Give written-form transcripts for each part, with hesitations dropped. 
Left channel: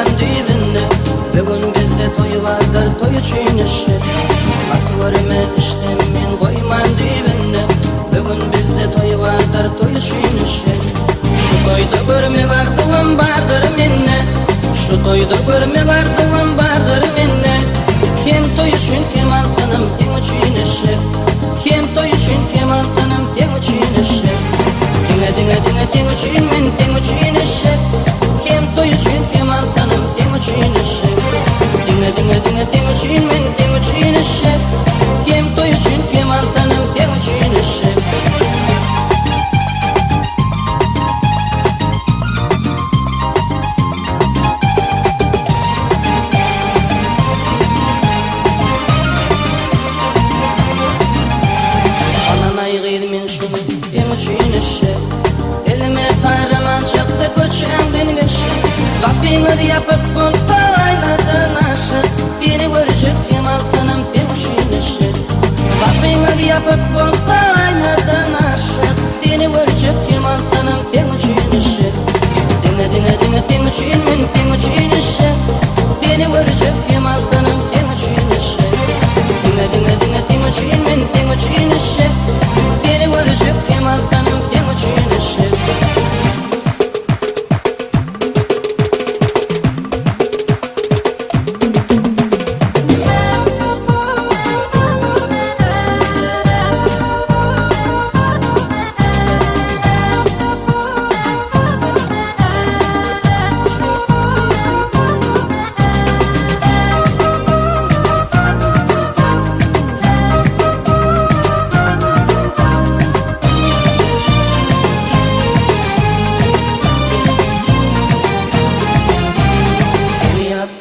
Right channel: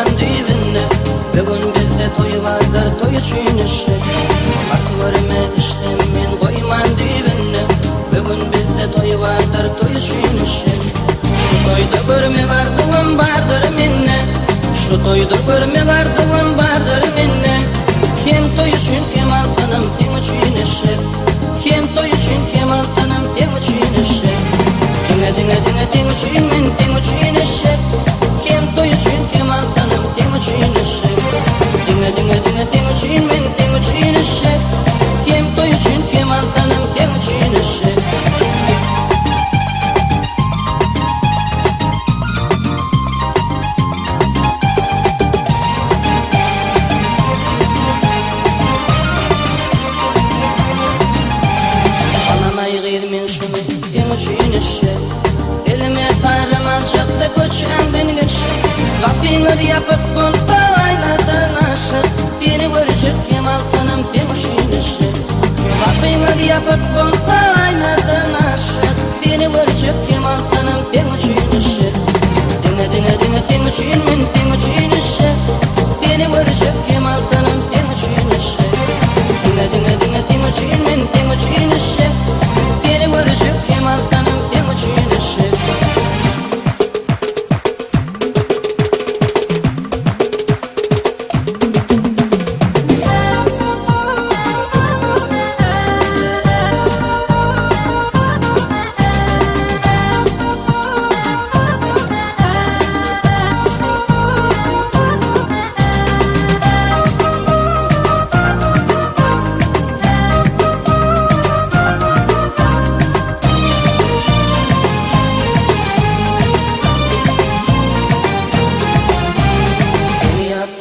koyman dibinde. Bugün bizde toy vardır, toy uçin işjek. Aklarıma düştüm men koyman dibinde. Bugün bizde toy vardır, toy uçin işjek. Şu toyda görme vardığım vardır minne. Şu toyda görme vardığım vardır minne. Kim toy uçin kim altınım, kim uçin işjek. Kim toy uçin kim altınım, kim uçin işjek. Dinle dinle dinle kim uçin men, kim uçin işjek. Kim toy uçin kim altınım, kim uçin işjek. Dinle dinle dinle kim uçin men, kim uçin işjek. Kim toy uçin kim altınım, kim uçin işjek. Elime tarıman çaktı koçendin geçti. Kapıyı yapıp bulta aynadan aşık. Biri görecek kim altınım temşinişi. Kapıyı yapıp bulta aynadan aşık. Biri görecek kim altınım temşinişi. Dinle dinle dinle temşin men temşinişi. Biri görecek kim altınım temşinişi. Dinle dinle dinle temşin men temşinişi. Biri görecek kim altınım temşinişi.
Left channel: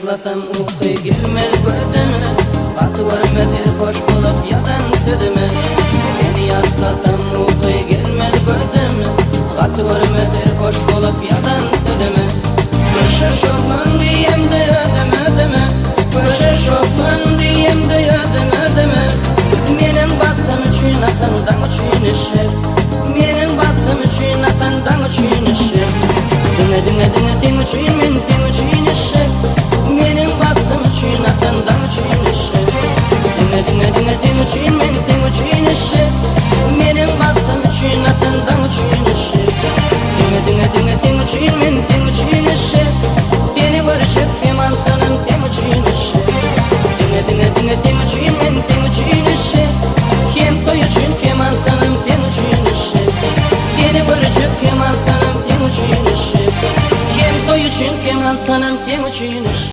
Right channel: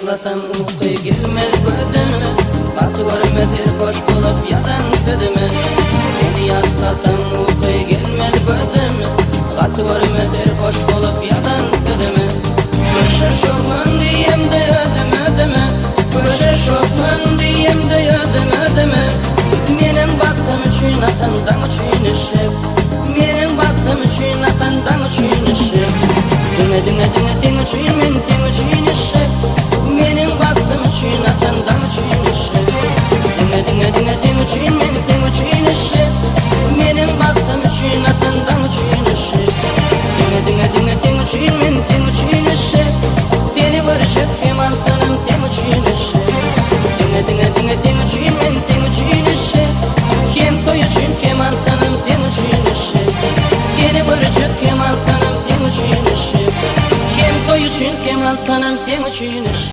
Atlatan uykuy gelmez gördüme. Katı görmedir hoş kılıp yadan ködüme. Beni atlatan uykuy gelmez gördüme. Katı görmedir hoş kılıp yadan ködüme. Köşe şokman diyem de ödüm ödüme. Köşe şokman diyem de ödüm ödüme. Menin baktım için atandan uçin işjek. Menin baktım için atandan uçin işjek. Dinle dinle dinle dinle uçin men uçin işjek. Menin baktım uçin atandan uçin işjek. Dinle dinle dinle dinle uçin men uçin işjek. Menin baktım uçin atandan uçin işjek. Dinle dinle dinle dinle uçin men uçin işjek. Deli varışık kim altınım tem uçin işjek. Dinle dinle dinle dinle uçin men uçin işjek. Kim toy uçin kim altınım tem uçin işjek. Deli varışık kim altınım tem uçin işjek. Kim toy uçin kim altınım tem uçin işjek.